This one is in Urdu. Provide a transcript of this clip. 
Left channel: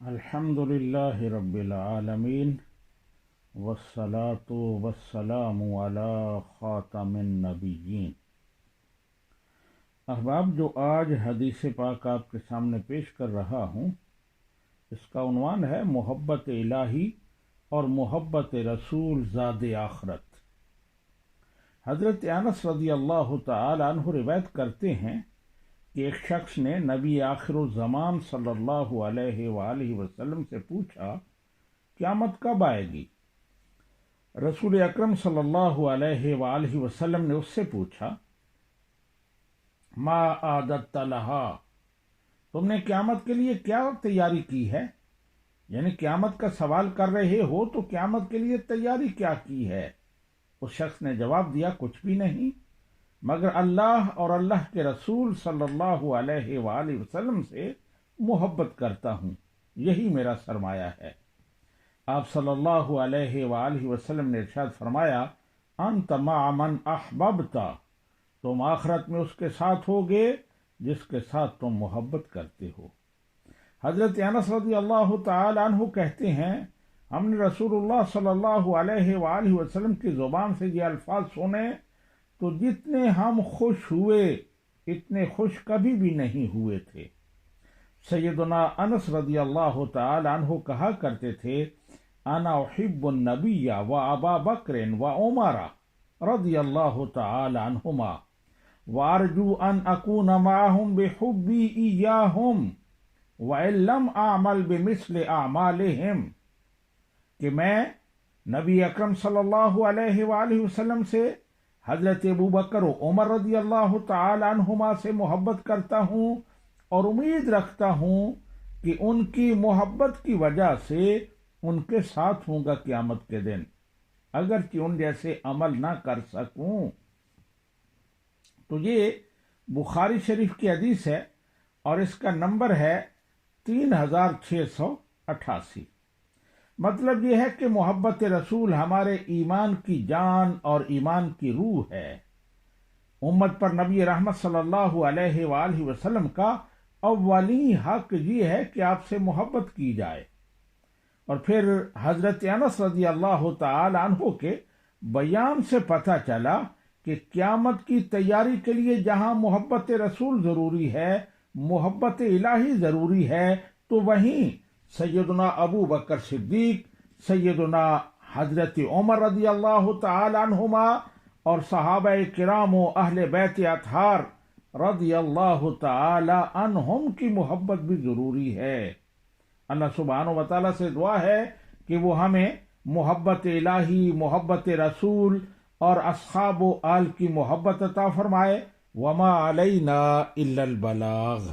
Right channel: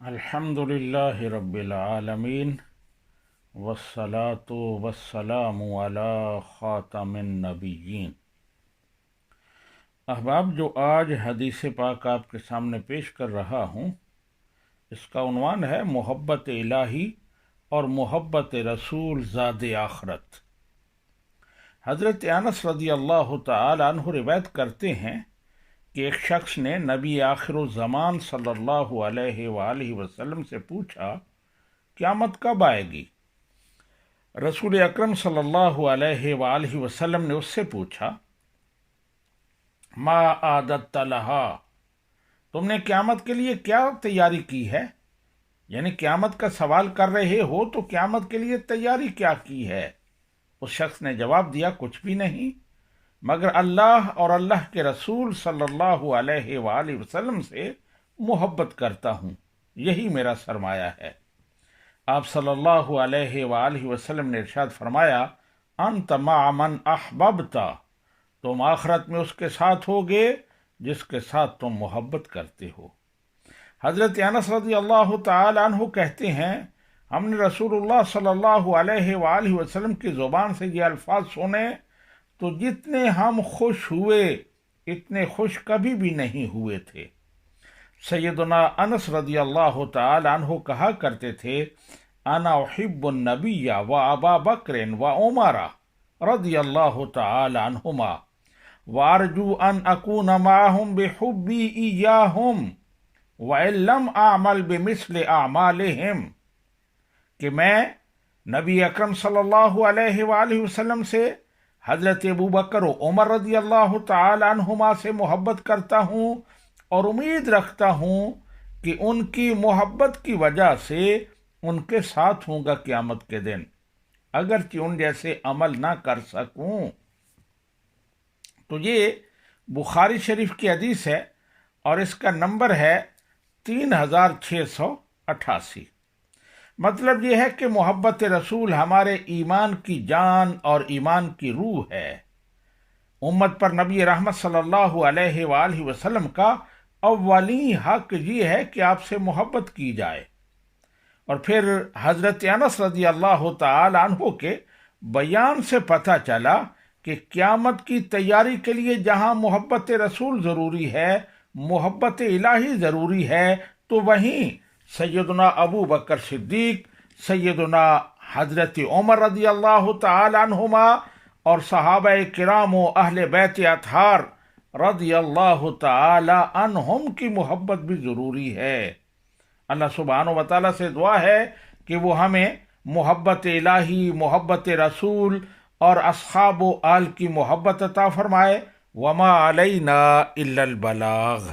الحمد للہ رب العالمین والصلاة والسلام علی خاتم النبیین۔ احباب، جو آج حدیث پاک آپ کے سامنے پیش کر رہا ہوں، اس کا عنوان ہے محبت الہی اور محبت رسول زاد آخرت۔ حضرت انس رضی اللہ تعالی عنہ روایت کرتے ہیں کہ ایک شخص نے نبی آخر الزمان صلی اللہ علیہ وآلہ وسلم سے پوچھا، قیامت کب آئے گی؟ رسول اکرم صلی اللہ علیہ وآلہ وسلم نے اس سے پوچھا، ما عادت لہا، تم نے قیامت کے لیے کیا تیاری کی ہے؟ یعنی قیامت کا سوال کر رہے ہو تو قیامت کے لیے تیاری کیا کی ہے؟ اس شخص نے جواب دیا، کچھ بھی نہیں، مگر اللہ اور اللہ کے رسول صلی اللہ علیہ وآلہ وسلم سے محبت کرتا ہوں، یہی میرا سرمایہ ہے۔ آپ صلی اللہ علیہ وآلہ وسلم نے ارشاد فرمایا، انت مع من احببت، تم آخرت میں اس کے ساتھ ہوگے جس کے ساتھ تم محبت کرتے ہو۔ حضرت انس رضی اللہ تعالی عنہ کہتے ہیں، ہم نے رسول اللہ صلی اللہ علیہ وآلہ وسلم کی زبان سے یہ الفاظ سنے تو جتنے ہم خوش ہوئے اتنے خوش کبھی بھی نہیں ہوئے تھے۔ سیدنا انس رضی اللہ تعالی عنہ کہا کرتے تھے، انا احب النبی و ابا بکر و عمر رضی اللہ تعالی عنہما وارجو ان اکون معهم بحبی ایاہم وان لم اعمل بمثل اعمالہم، کہ میں نبی اکرم صلی اللہ علیہ وآلہ وسلم سے، حضرت ابو بکر و عمر رضی اللہ تعالی عنہما سے محبت کرتا ہوں اور امید رکھتا ہوں کہ ان کی محبت کی وجہ سے ان کے ساتھ ہوں گا قیامت کے دن، اگرچہ ان جیسے عمل نہ کر سکوں۔ تو یہ بخاری شریف کی حدیث ہے اور اس کا نمبر ہے 3688۔ مطلب یہ ہے کہ محبت رسول ہمارے ایمان کی جان اور ایمان کی روح ہے۔ امت پر نبی رحمت صلی اللہ علیہ وآلہ وسلم کا اولین حق یہ ہے کہ آپ سے محبت کی جائے۔ اور پھر حضرت انس رضی اللہ تعالی عنہ کے بیان سے پتہ چلا کہ قیامت کی تیاری کے لیے جہاں محبت رسول ضروری ہے، محبت الہی ضروری ہے، تو وہیں سیدنا ابو بکر صدیق، سیدنا حضرت عمر رضی اللہ تعالی عنہما اور صحابہ کرام و اہل بیت اطہار رضی اللہ تعالی عنہم کی محبت بھی ضروری ہے۔ اللہ سبحانہ و تعالیٰ سے دعا ہے کہ وہ ہمیں محبت الہی، محبت رسول اور اصحاب و آل کی محبت عطا فرمائے۔ وما علینا الا البلاغ۔